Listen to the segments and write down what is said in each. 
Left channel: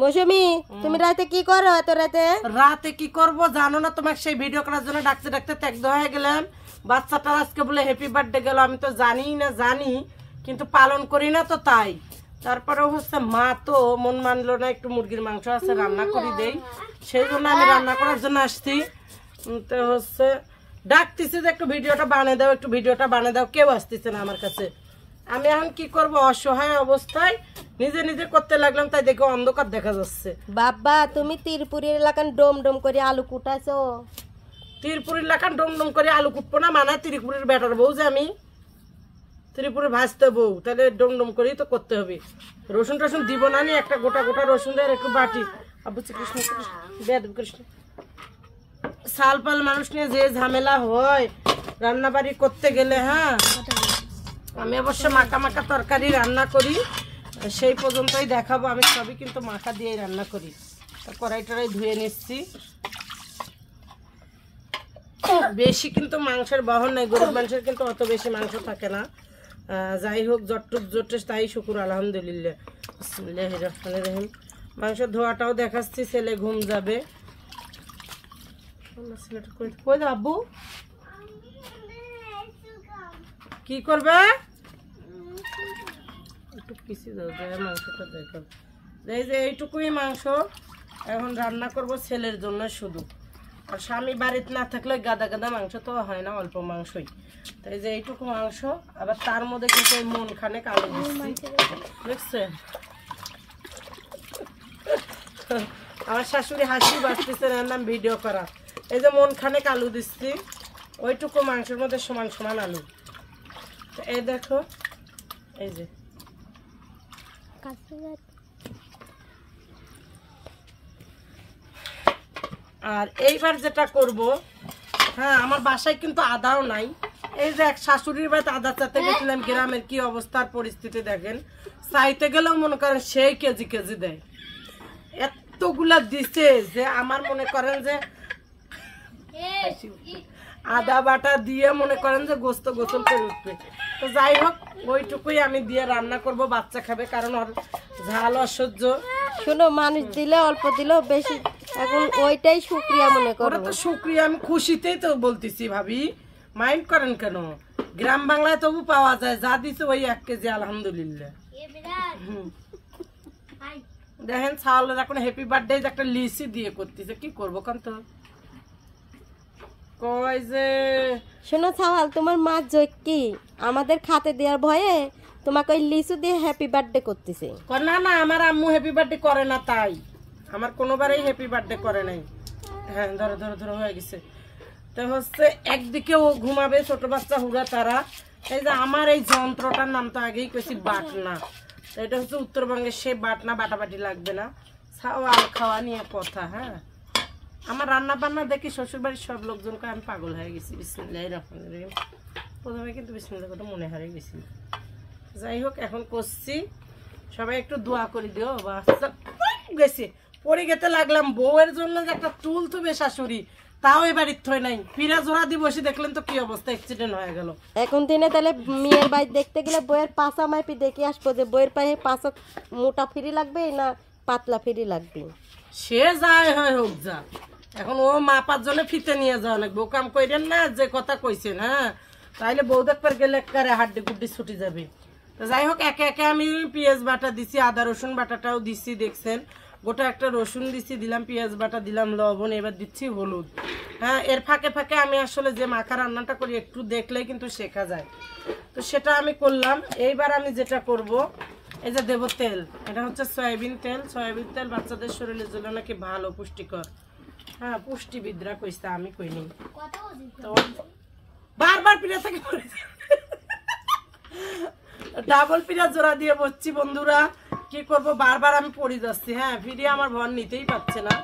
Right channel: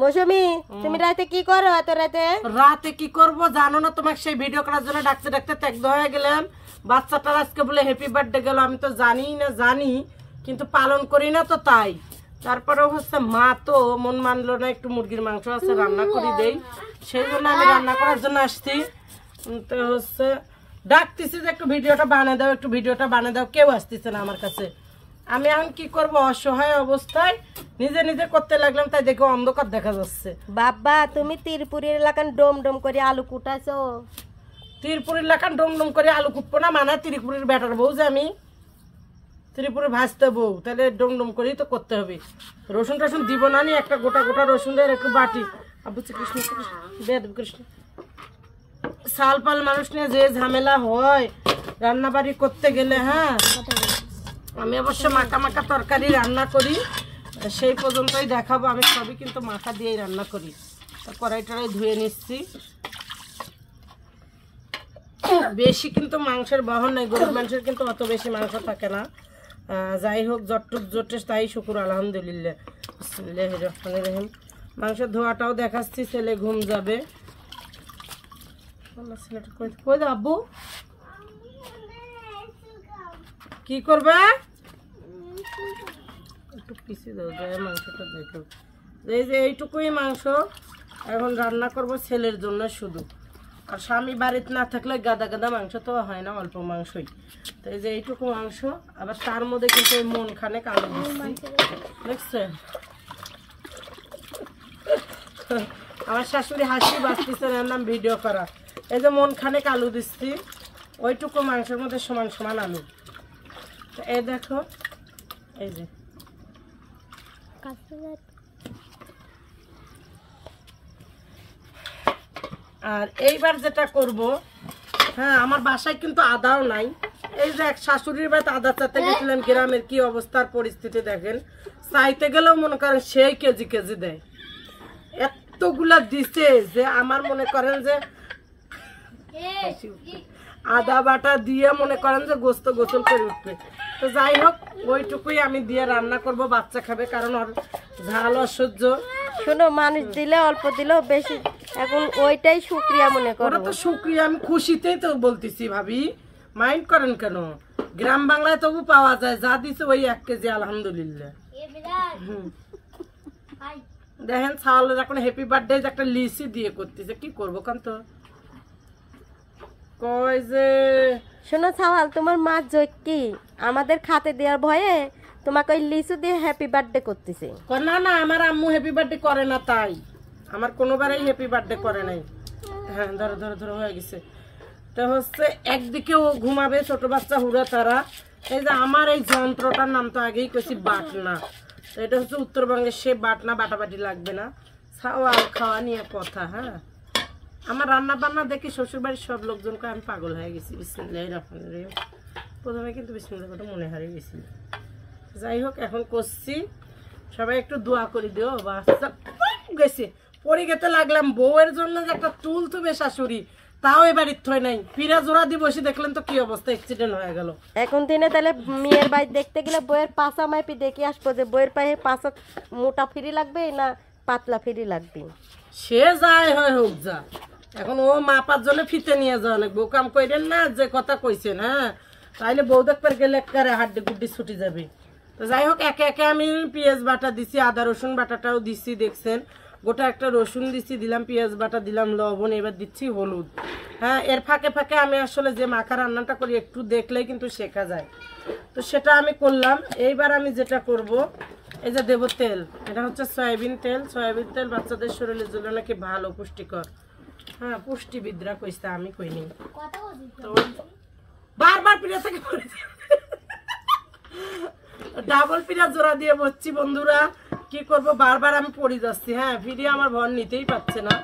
মৌসুমী তুমি রাতে কি করো এত রাতে? রাতে কি করব জানো না, তোমাকে সেই ভিডিও করার জন্য ডাকতে ডাকতে ত্যাগ্ধ হয়ে গেলাম। বাচ্চাটার আজকে বলে হ্যাপি বার্থডে গেল, আমি তো জানি কিন্তু পালন করি না তো তাই। তারপরে হচ্ছে মা তো মন মানলো না, একটু মুরগির মাংস আছে রান্না করে দেই, সেই জন্য আমি রান্না করার জন্য আসছি। তো হচ্ছে ডাকতেছে যে একটু ভিডিওটা বানিয়ে দাও, একটু ভিডিওটা বানিয়ে দাও, কেউ আসতেছে না আমার কাছে। আমি এখন কি করব, অসহায় অবস্থায় নিজে নিজে করতে লাগলাম, তাই দেখো অন্ধকার দেখা যাচ্ছে। বাবা তুমি তিরপুরের এলাকান ডোম ডোম করে আলু কুটাইছো? তিরপুরের এলাকান ডোম ডোম করে আলু কুটবো না, মানে তিরপুরের ব্যাটার বউ যে আমি, ত্রিপুরে ভাজতে বউ, তাহলে ডোম ডোম করেই তো করতে হবে। রসুন টসুন দিব না, নি একটা গোটা গোটা রসুন দেয় একটু বাটি। আবু কৃষ্ণ কৃষ্ণ সাল পাল মানুষ নিয়ে যে ঝামেলা হয় রান্না বাড়ি করতে গেলে। হ্যাঁ, আমি অবশ্য মাখা মাখা তরকারি রান্না করি, সেই পর্যন্তই দেখাবো। আমি সবই কিন্তু মাখা দিয়েই রান্না করি। কড়াই টড়াই ধুয়ে নিচ্ছি। বেশি কিন্তু মাংসের বহন নাই, গরিব মানুষের কিন্তু অত বেশি মাংস থাকে না। যাই হোক, যতটুক জোটে তাই শুকুর আলহামদুলিল্লাহ। বিসমিল্লাহির রহমানির রহিম। মাংসের ধোয়াটাও দেখাচ্ছি, ছেলে ঘুম যাবে। কই যাবো, কি করবে? একটু পিছিয়ে দাও, মাংসটা দেখো। এই যে এইটুকুই মাংস এখন রান্না করব ছেলের জন্য শুধু। আর স্বামী বাড়িতে না থাকলে গাদা গাদা মাংস তো হয় না, অল্প মাংসই। তো এই যে এইটুকু মাংস, আবার তার মধ্যে কিন্তু ওই মন খানেক আলু দিচ্ছি, দেখছেন? আমার শাশুড়ি হাসি বাঁচতেছে নাম ভিডিও করা। এই যে মন খানেক আলু দিচ্ছি, ওইটুকু মাংসের মধ্যে সমান সমান আলু। এই দেখো, এই যে আর এইবার যেটা করব, হ্যাঁ আমার বাসায় কিন্তু আদাও নাই। এই যে এক শাশুড়ির বাড়িতে আদা চাইতে গেছিলাম, গ্রামের কি অবস্থার পরিস্থিতি দেখেন। চাইতে গেলেও মনে করেন সেই কেজি কেজি দেয়, এতগুলা দিছে যে আমার মনে করেন যে আদা বাটা দিয়ে মনে করেন যে গোস্ত গোসল করে উঠবে। তো যাই হোক, ওইটুকুই আমি দিয়ে রান্না করব, বাচ্চা খাবে, কারণ ওর ঝাল অসহ্য। শোনো, মানুষ দিলে অল্প দিলেও বেশি, এখন ওইটাই শুকরিয়া মনে করো। তো শুকরিয়া, আমি খুশিতেই তো বলতেছি ভাবি, মাইন্ড করেন কেন? গ্রাম বাংলায় তবু পাওয়া যায়, যা দিছে ওই 1 কেজি আলহামদুলিল্লাহ। দেখেন ছাওয়ালের এখন হ্যাপি বার্থডে একটা লিসি দিয়ে করতেছে, কি করবো কান তো কয় যে। শোনো ছাওয়াল, তোমার মা কি আমাদের খাতে দেওয়ার ভয়ে তোমাকে ওই লিচু দিয়ে হ্যাপি বার্থডে করতেছে? না না, আমার আম্মু হ্যাপি বার্থডে করে না, তাই আমার কোনোবারই হ্যাপি বার্থডে করে নাই। হ্যাঁ, ধরো ধরো ধরো হয়ে গেছে। তো হচ্ছে একদিকে ও ঘুমাবে, ছোট বাচ্চা হুড়া তারা। এই যে আমার এই যন্ত্রটার নাম তো আগেই কইছি বাটনা, এটা হচ্ছে উত্তরবঙ্গের, সে বাটনা, বাটাবাটি লাগবে না, ছাওয়াল খাওয়া নিয়ে কথা। হ্যাঁ, আমার রান্না বান্না দেখি শ্বশুরবাড়ির সব লোকজনকে আমি পাগল হয়ে গেছি। বিসমিল্লাহির রহমানির রহিম। প্রথমে কিন্তু বিসমিল্লাহ কথা মনে হারিয়ে গেছিল। যাই হোক, এখন করছি, সবাই একটু দোয়া করে দিও। বাচ্চা গেছে পড়ে গেতে লাগলাম, বউয়ের জন্য যে একটা টুল তুবে শাশুড়ি, তাও এবারে থই নাই, ফিরা জোড়া দিয়ে বসে দেখলেন তো কি অবস্থা, অ্যাক্সিডেন্ট হয়ে গেল। এখন দিনে তাহলে মেয়ের বাড়ি দেখতে গেলে বইয়ের পাশা মাইপি দেখে আসবো যে বইয়ের পায়ে পাশা মোটা ফিরি লাগবে না পাতলা ফিরি লাগবে। সে যায় হয় হোক যা, এখন ও মাপার জন্য ফিতে নিয়ে যাওয়া লাগবে। ও কাম করেন না যে কথা কইছেন। হ্যাঁ, তাইলে বউ দেখবার গেলে একেবারে হাড্ডি গুড্ডি ছুটি যাবে। তো যাই হোক, একে একে আমি পেঁয়াজ বাটা দিছি, আদা রসুন বাটাটাও দিছি, দেখছেন গোটা একটা রসুন দিছি, দিলাম পেঁয়াজ বাটা, দিলাম লবণ, এবার দিচ্ছি হলুদ। হ্যাঁ, এর ফাঁকে ফাঁকে আমি আসলে যে মাখা রান্নাটা করি একটু দেখলেই কিন্তু শেখা যায়, তো সেটা আমি করলাম। এইবার আমি যেটা করব, এই যে দেব তেল, এটা হচ্ছে সয়াবিন তেল। সয়াবিন তেল বাচ্চাদের শরীরের জন্য নাকি ভালো, পুষ্টিকর। হ্যাঁ, পুষ্টিবিদরা কইছে, আমি কইনি। তো বারবার পিড়া থেকে পড়ে ডাবল পিড়া জোড়া দিয়ে বসছি বন্ধুরা, কি করব, বারবার আমি পড়ে যাচ্ছি। হ্যাঁ, ভিডিও আমার ভর নিতেই পারছে না,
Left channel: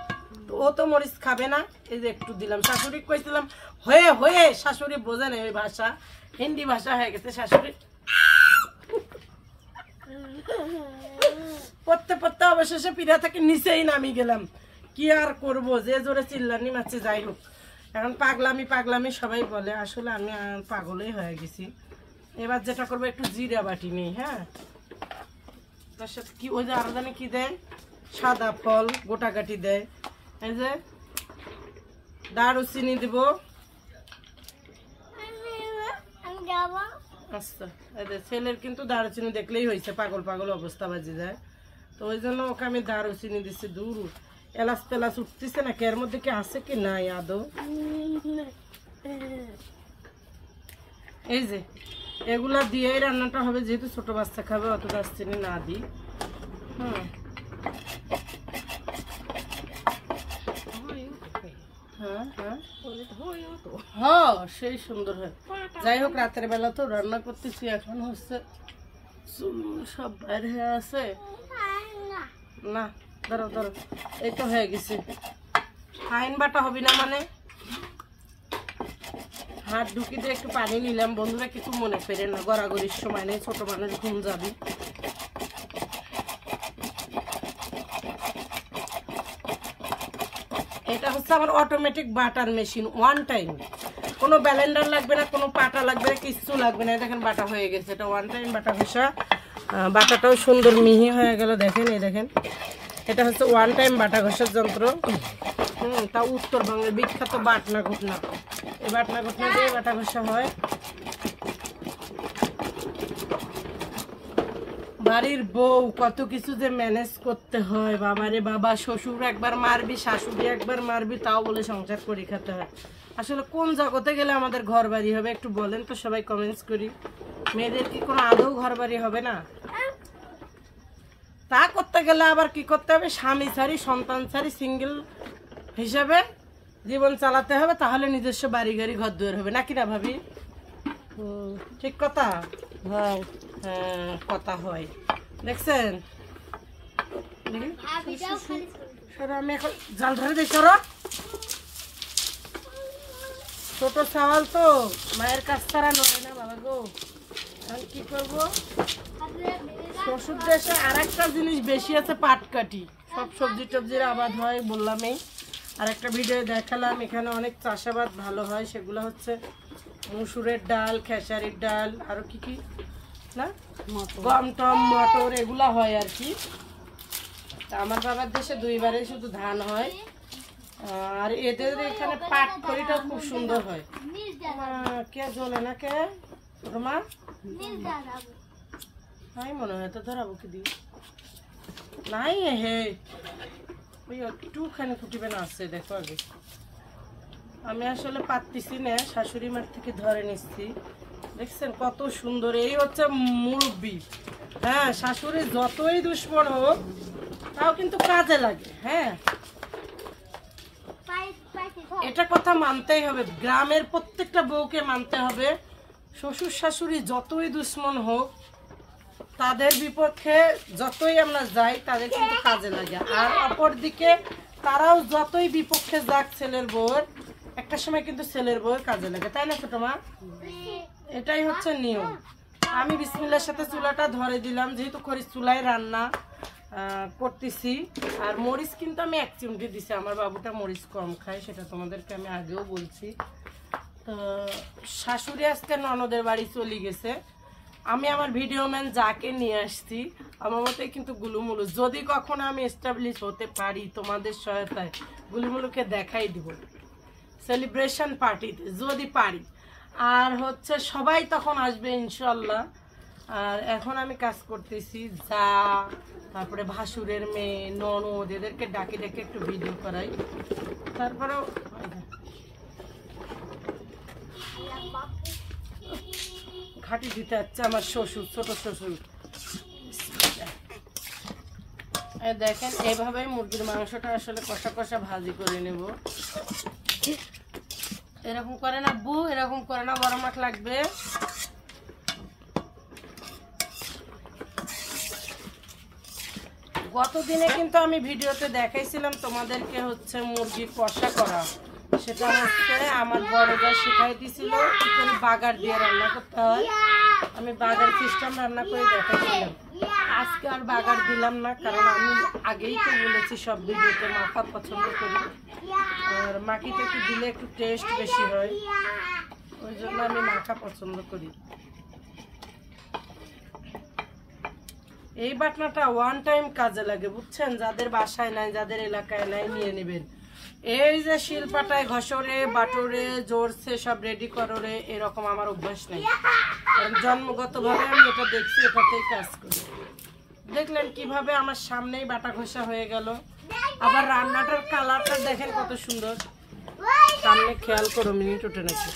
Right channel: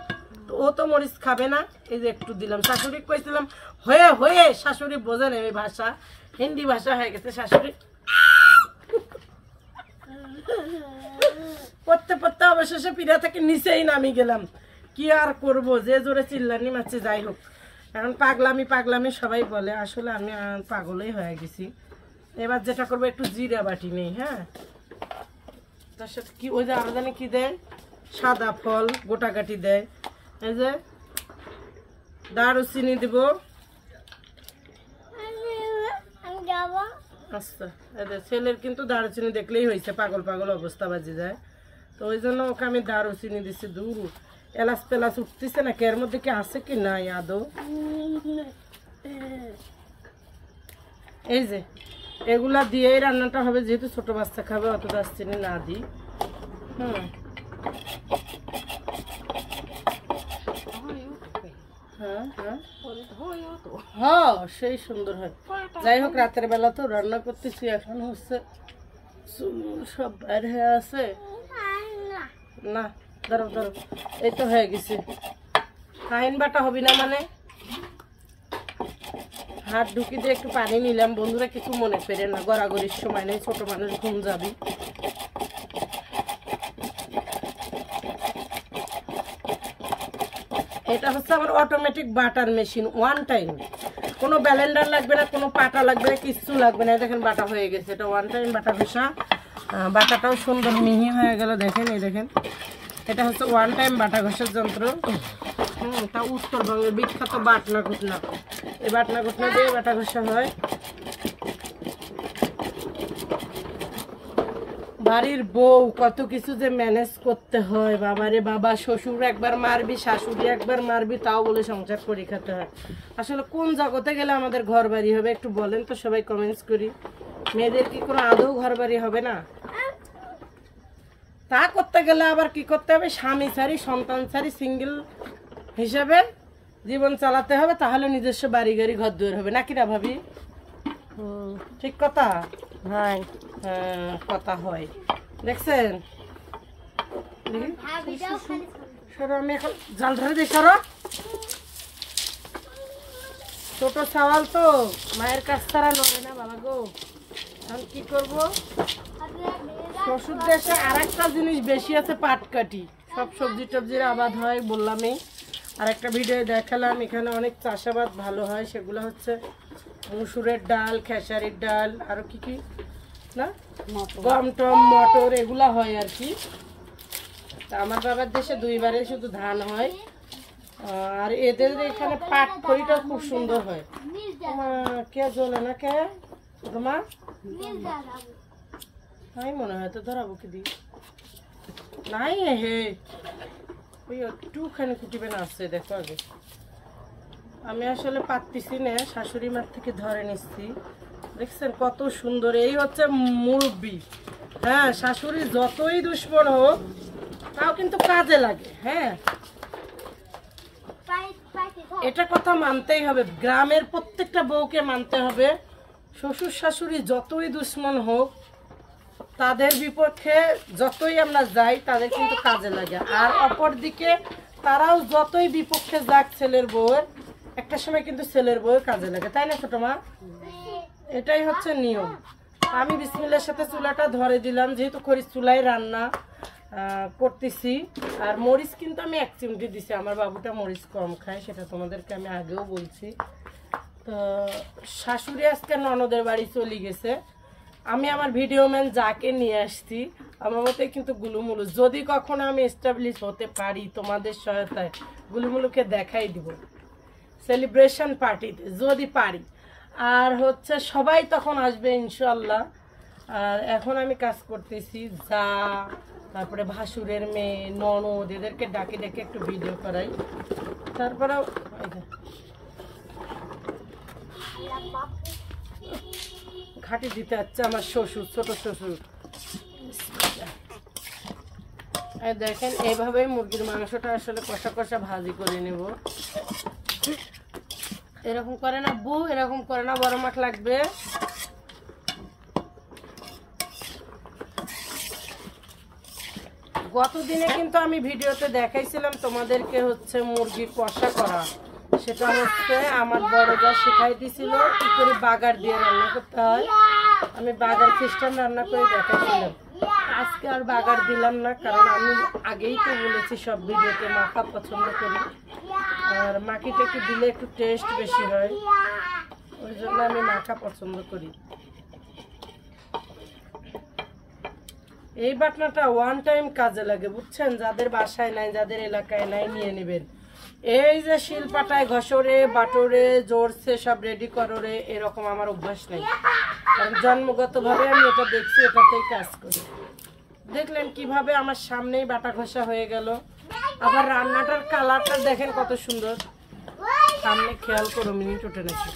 তো ও তো মরিচ খাবে না, এই যে একটু দিলাম। শাশুড়ি কইছিলাম হয়ে হয়ে, শাশুড়ি বোঝে না এই ভাষা, হিন্দি ভাষা হয়ে গেছে শাশুড়ি। পড়তে পড়তে অবশেষে পিড়া থেকে নিচেই নামি গেলাম, কি আর করব, যে জোরে চিল্লানি মারছে। যাই হোক, এখন পাগলামি পাগলামি সবাই বলে, আসলে আমি পাগলই হয়ে গেছি। এবার যেটা করবো, একটু জিরা বাটি নেই। হ্যাঁ, তার সাথে কি ওই যে আরো জানে কি দেয়, সাদা ফল গোটাকাটি দেয়। এই যে দারুচিনি দিব। আচ্ছা, ছেলের কিন্তু দারুচিনি দেখলেই হয়েছে, পাগল পাগল অবস্থা বাজে যায়, তো ওই জন্য ওকে আমি দারুচিনি দিচ্ছি। দূর এলাচ তেলাচ উঠতেছে নাকি, এর মধ্যে কি আছে কি নাই আদৌ। এই যে এগুলা দিয়েই রান্নাটা হবে, যেহেতু ছোট বাচ্চা খাবে, অত দারচিনি না দিই। হ্যাঁ সেই সুন্দর হয়। যাই হোক, রাতের বেলা তো রান্না করতেছি, এখন হচ্ছে সব বাইরে হয়ে আছে না। দাঁড়াও দাঁড়াও, এই তো হয়ে গেছে। ফাইন বাটা হবে না মানে, হাত ঢুকি দিয়ে একটু পানি নিলাম। বন্ধুরা কিছু মনে করে না, গড়াগড়ির সময় নেই, ছোট মানুষ ঘুম যাবি। এটা হচ্ছে আমার automatic butter machine, one time, কোনো ব্যালেন্ডার লাগবে না, কোনো পাটা লাগবে না, কিচ্ছু লাগবে না। দেখেন বাটা হয়ে গেছে, এটা ওয়ান টাইম বাটা ঘষা। বাটাটাও সুন্দর মিহি হয়ে গেল, দেখেন এই দেখেন, এটা হচ্ছে ওয়ান টাইম বাটা ঘষার যন্ত্র। তা উত্তরবঙ্গের বিখ্যাত বাটনা ঘটনা, এই বাটনা ঘটনা দিয়ে বাটা ঘষা হয়। বাড়ির বউ কত কিছু যে ম্যানেজ করতে হয়, বাবারে বাবা, শ্বশুর একবার মারবি, শাশুড়ি একবার মারবি, তাও বলে সংসার করে খেতে হয়। আসলে কোন জগতে গেলে আমাদের ঘর বাড়ি হবে একটু বলেন তো সবাই, কমেন্টস করি। মেয়েদের কি কোনো আদৌ ঘর বাড়ি হবে না? তা করতে গেলে আবার কি করতে হবে, স্বামী ছাড়ি সন্তান ছাড়ি সিঙ্গেল হিসাবে জীবন চালাতে হবে, তাহলে নিজস্ব বাড়ি গাড়ি ঘর দুয়ার হবে, নাকি না ভাবি? ঠিক কথা হয়, কথা হয়। দেখছেন, আমি এখন জাল ধরে দিই। সরো, ছোট চাওয়াল তো মায়ের কাছ ছাড়া নয় না বাবা গো। আমি কি করবো, শ্বশুর দেশে আর একটা জিনিস বেশি আছে, পাটকাঠি। সব সবজি টবজির আবাদ হয় বললামই, আর একটা ভিডিও দেখালাম। এখানে অনেক চাষাবাদ ভালো হয়, সেগুলো হচ্ছে মসুরের ডাল, খেসারির ডাল, আরো কি কি না, গম টম মটর, এগুলা হয় আর কি। আমার বাবার দেশে দুইবারে শুধু ধান হয়, আর এদের এখানে পাট খড়িটাও খুব সুন্দর হয়। কে জ্বলে না কে তোমার, আমি মনে হয় তো ধরাবো কি দি নাই। হে ওই একটুখানি কুটিবে না আসছে, দেখো আগে। আমি আসলে পারতেছি না, শাশুড়ি মার থেকে ধরে নিচ্ছি। দেখছেন কত সুন্দর, এই হচ্ছে মুরব্বি। হ্যাঁ, শাশুড়ি যতই দুশ্মন হোক তাও কিন্তু কাজে লাগে। হ্যাঁ, এটা কথা মানতেই হবে, গ্রামের প্রত্যেকটা বউকে মানতে হবে। শ্বশুর শাশুড়ি যতই দুশ্মন হোক, তাদের বিপক্ষে যতই আমরা যাই, তাদের কিন্তু কাজে লাগে। আর অপরদিকে তারাও যতই বিপক্ষে যাক ছেলের বউয়ের, একটা সময় কিন্তু ছেলের বউয়ের কাজে লাগে, তাই না ছোট মা? এটাই হচ্ছে নিয়ম। আমি বিসমিল্লাহর সাথে চুলাটা ধরে দিলাম, যেহেতু খড়ির চুলায় রান্না করতেছি। আর মরিচ কিন্তু আমি 1 চিমটি দিছি, আমার বাবুটা মরিচ কম খায়, সেটা তোমাদেরকে আমি আগেও বলছি। তো শাশুড়ি আজকে ননদের বাড়ি চলে গেছে, আমি আমার ভিডিও ম্যান যাকে নিয়ে আসছি, আমার মতে কিন্তু গুলুমুলু, যদি কখনো আমি এস্টাবলিশ হতে পারি তোমাদের সহায়তায়, গুলুমুলুকে দেখাই দিব সেলিব্রেশন পার্টিতে যদি পারি। আর হচ্ছে সবাই তখন আসবে ইনশাল্লাহ। আর এখন আমি কাজ করতেছি, যা তারপরে ভাসুরের মেয়ে, ননদ, এদেরকে ডাকে ডেকে একটু ভিডিও করাই। তারপরেও ঘাটি দিতে যাচ্ছে আমার শ্বশুর, ছোট শ্বশুর। দেখেন এইভাবে মুরগির মাংসটা আসলে কষা কষা ভাজি করে নেব। এরকম করে না বউ, এরকম করে না, বড় মাছ লাগবে। গতদিনে কিন্তু আমি ভিডিওতে দেখাইছিলাম তোমাদেরকে হচ্ছে মুরগি কষা করা, সেটা হচ্ছে আমার বড় যা শিখাই দিছিল কি করে বাগার দিয়ে রান্না করতে হয়। আমি বাগার সিস্টেম রান্না করে দেখাইছিলাম। আজকে আর বাগার দিলাম না, কারণ আমি আগেই তো বলেছি সব ভিডিওতে মাখা পছন্দ করি, আর মাখিতে একটু দিলে একটু টেস্ট বেশি হয়, ওই জন্য আমি মাখা পছন্দ করি। এই বাটনাটা ওয়ান টাইম কাজে লাগে, বুঝছেন? যাদের বাসায় নাই, যাদের এলাকায় নাই, নিয়ে নেবেন। এই যে শিলপাটায় ঘষরে বাটরে জোরছে সব রেডি কররে এরকম আমার অভ্যাস নেই, কারণ জন্মগতভাবে আমি এটা দেখছি, এটাতেই কাজ করি। দেখলেন কিভাবে আমার সামনেই বাটা ঘষা হয়ে গেল। আবার রান্নাটার কালারটা দেখেন কত সুন্দর, সামনে খেয়াল করো, মিনিট উঠে নাকি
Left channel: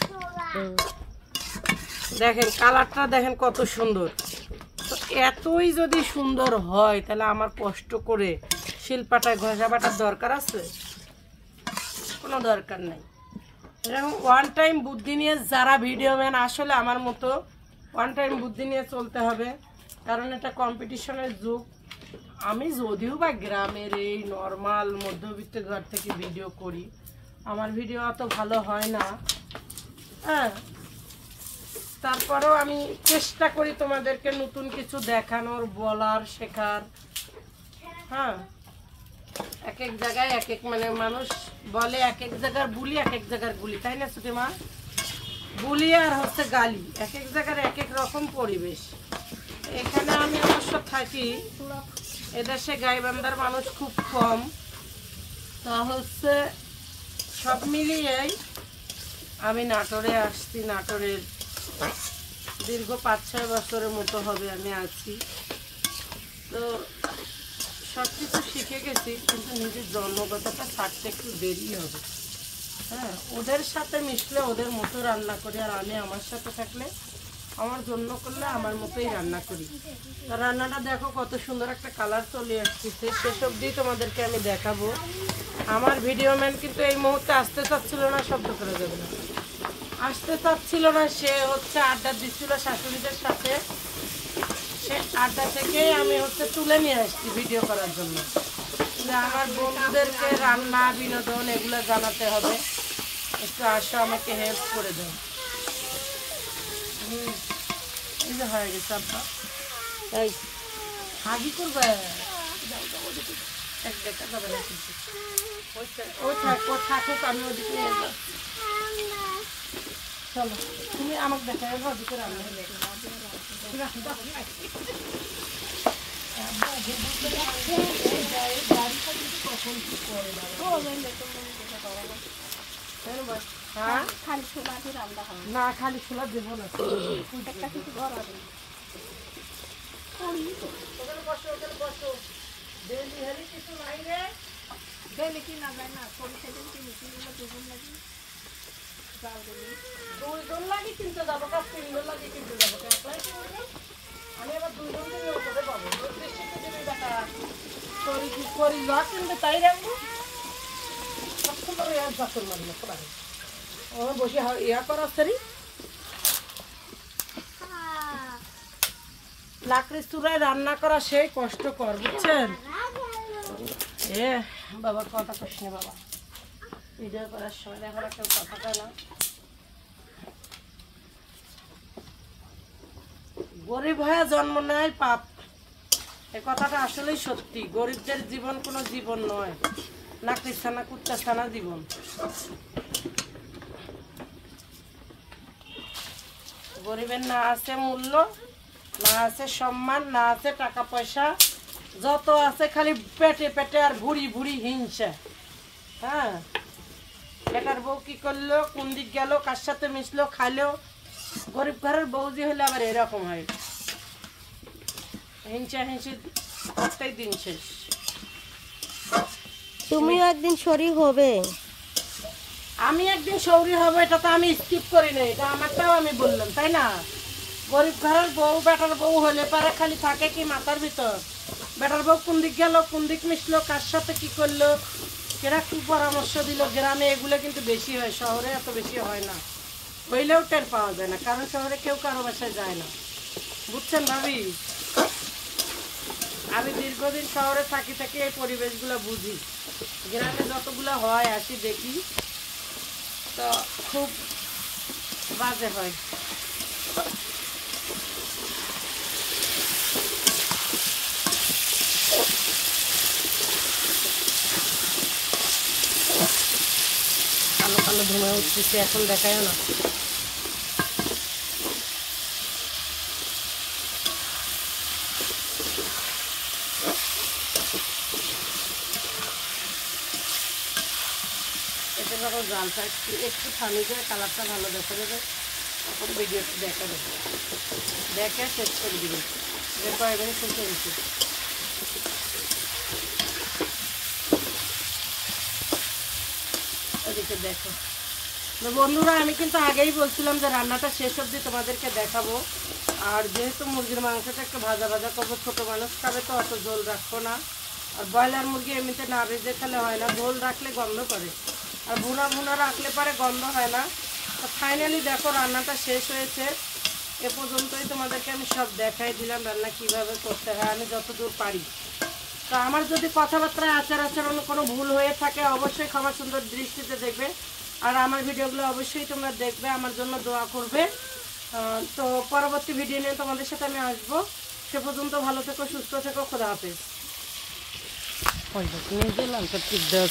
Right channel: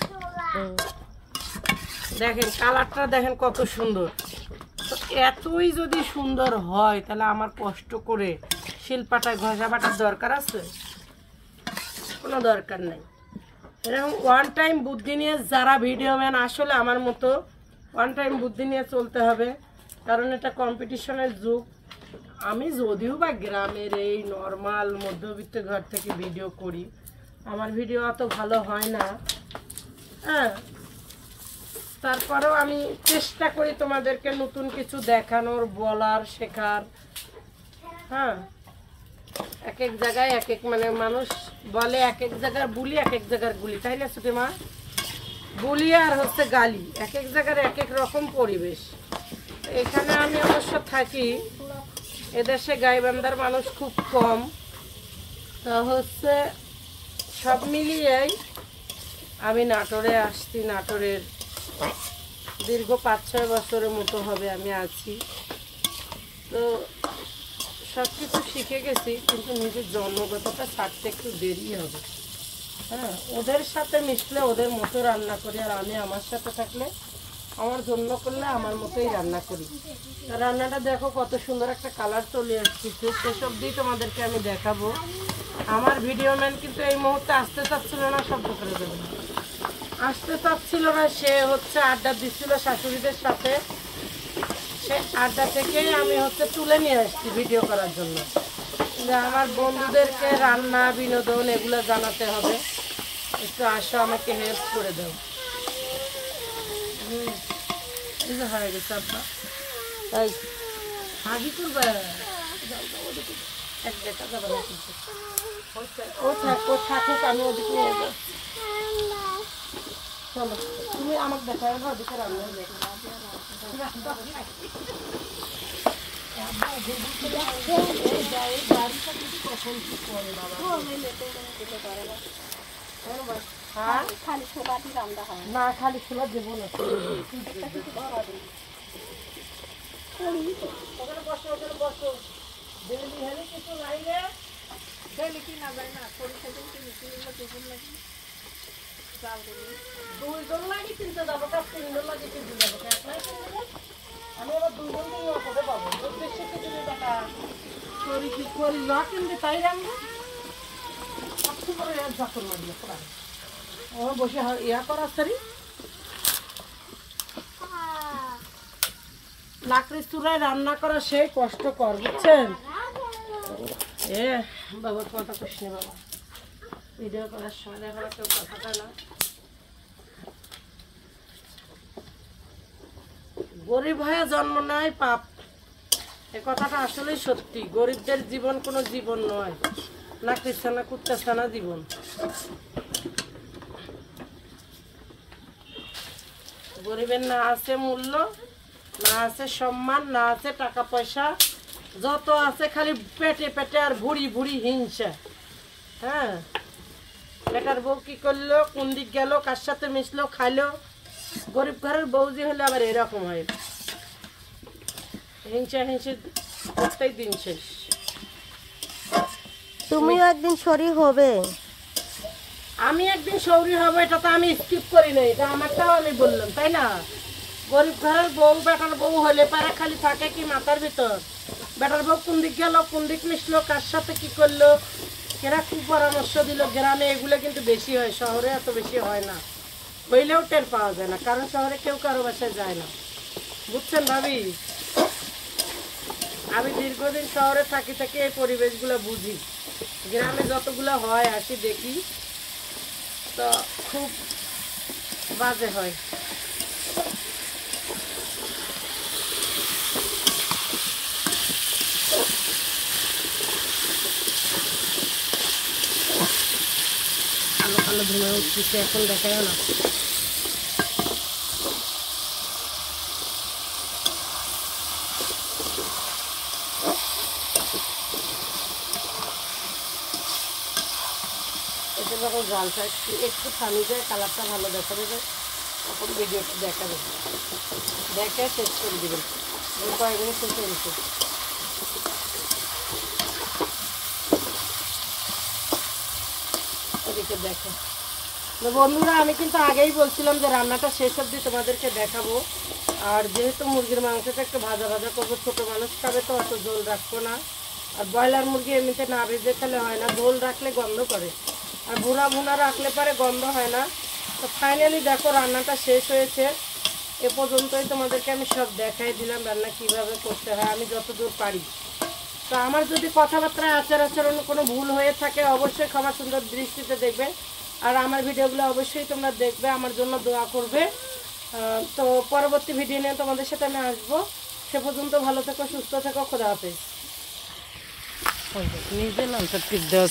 দেখেন কালারটা দেখেন কত সুন্দর। তো এতই যদি সুন্দর হয় তাহলে আমার কষ্ট করে শিলপাটা ঘষা বাটার দরকার আছে? কোনো দরকার নাই। এরকম ওয়ান টাইম বুদ্ধি নিয়ে যারা ভিডিও ম্যান, আসলে আমার মতো ওয়ান টাইম বুদ্ধি নিয়ে চলতে হবে, কারণ এটা কম্পিটিশনের যুগ। আমি যদিও বা গ্রামের এই নর্মাল মধ্যবিত্ত ঘর থেকে ভিডিও করি, আমার ভিডিও অত ভালো হয় না, হ্যাঁ, তারপরেও আমি চেষ্টা করি তোমাদেরকে নতুন কিছু দেখানোর, বলার, শেখার। হ্যাঁ, এক এক জায়গায় এক এক, মানে মানুষ বলে এক এক জায়গার বুলি এক এক জায়গার গুলি, তাই না ছোট মা? বুলি আর হচ্ছে গালি, এক এক জায়গার এক এক রকম পরিবেশ। এখানে আমি অবশ্য থাকি, এদেশে গাইবান্ধার মানুষ খুব কম, তা হচ্ছে সব মিলিয়েই আমি নাটোরে আসছি। নাটোরের দীর্ঘ 5-6 বছরের মতো হবে আমি আছি। তো সব কিছু শিখে গেছি, কিন্তু নিজের জন্মগতটা ছাড়তে একটু দেরি হবে। হ্যাঁ, ওদের সাথে মিশলে ওদের মতো রান্না করি, আর আমি আমার সাথে থাকলে, আমার জন্য করলে আমার মতোই রান্না করি। রান্নাটা দেখো কত সুন্দর একটা কালার চলে আসছে, সেসব দিয়ে তোমাদেরকে আমি দেখাবো। আমার ভিডিও ম্যান কিন্তু এই মুহূর্তে আসতে চাচ্ছিল না, শব্দ করে দেবে, আসতে চাচ্ছিল না। সে হচ্ছে আড্ডা দিচ্ছিল শাশুড়িদের সাথে, সে আড্ডা থেকেই আমি হচ্ছে তুলে নিয়ে আসছি ভিডিও করার জন্য। আমার বন্ধুদেরকে রান্না, বিনোদন এগুলো জানাতে হবে, একটু আসো আমাকে হেল্প করে দাও। এই যে হয়ে গেছে আপা, তাই হাগি করবে এক দেখা যাবে না, কিন্তু ও থাকুক, আমি ওদিকে নিয়ে যাবো। চলো তুমি আমাকে দেখে আসবো, ওদিকে রান্না কখন কি করে বাবা? হ্যাঁ, না খালি ছোলা দেবো না, কিছু নাই রে, ডেলি কিনা যায় না, সরিষা দিন কিনতে লাগে, 2 জন লাগে কিনতে যাবো, 3 জন লাগে কিনতে যাবো, আমি আবার 2 জন কিনে ওপরে পাবো, দেখা করি যা কিনবে তাই রাখবো। বসে ইয়া করার সারি লাকড়ির চুলায় রান্না করা সেই কষ্টকর, বুঝছেন? এ বাবা কথা কইস না বাবা, ভিডিও করার সময় এখন কেউ কথাটা না। গরিব হয়ে জন্ম নেয় পাপ, এ কথাটা আসলেই সত্যি। গরিবদের জীবন কোনো জীবন নয়, লাকড়ির ছানা কুত্তার ছানা জীবন। গরিবের না আছে মূল্য, না আছে সম্মান, না আছে টাকা পয়সা, যত আছে খালি পেটে পেটে আর ভুড়ি ভুড়ি হিংসা। হ্যাঁ, বেটার বউ কি করলো, কোন দিক গেল, কার সাথে মিশলো, খাইলো। গরিব ঘরের বউজি হলে আবার এরকম হয়, হিংসা হিংসি করতেই দিন শেষ। তুমিও একদিন শরীর হবে। আমি একদিন সৌরি হবো, এটা তো আমি স্কিপ করি না, এটা আমারটাও আমি বললাম, তাই না? গরিব ঘরের বউ বেটার বউ হলে পারে খালি থাকে কি মাথার ভিতর, বেটার বউ কোন দিক গেল, কোন দিক মিশলো, কার সাথে কি করলো, কেরা কি পরামর্শ দিল। গ্রামে এগুলো কিন্তু বেশি হয়, শহরে এত বেশি হয় না, হইলেও টের পাওয়া যায় না, কারণ শহরে কেউ কারো বাসায় যায় না, বুঝছেন ভাবি? আমি দীর্ঘদিন শহরে থাকি থেকে এই পরিবেশগুলো বুঝি। গ্রামে যতগুলো হয় আসি দেখি, তো খুব বাজে হয়। এখন দেখায় না, এটা যখন জালটা একটু পানি যায়, কালারটা ভালো দেখা যাবে, তখন ভিডিওটি দেখা যাবে, দেখে শেষ করে দেবেন। এরপর এখানে শেষ হয়ে গেছে। ওদিকে দেখো তো বন্ধুরা, আমি কিন্তু আগেই বলছিলাম যে রান্নাটা শেষ অবধি তোমাদেরকে দেখাবো। আর যেহেতু মুরগির মাংসটা একটু ভাজা ভাজা করবো, ছোটো মানুষ খাবে তো অত ঝোল রাখবো না। আর ব্রয়লার মুরগি এমনিতে না ভেজে খেলে হয় না, ঝোল রাখলে গন্ধ করে, আর ভুনা ভুনা রাখলে পরে গন্ধ হয় না। তো ফাইনালি দেখো রান্নাটা শেষ হয়েছে। এ পর্যন্তই তোমাদেরকে আমি সব দেখাই দিলাম রান্না কীভাবে করতে হয় আমি যতদূর পারি। তো আমার যদি কথাবার্তায় আচরণ কোনো ভুল হয়ে থাকে অবশ্যই ক্ষমা সুন্দর দৃষ্টিতে দেখবে। আর আমার ভিডিওগুলো অবশ্যই তোমরা দেখবে, আমার জন্য দোয়া করবে। তো পরবর্তী ভিডিও নিয়ে তোমাদের সাথে আমি আসবো। সে পর্যন্ত ভালো থেকো, সুস্থ থেকো, খোদা হাফেজ। নিজে লালটা টিপ দেওয়া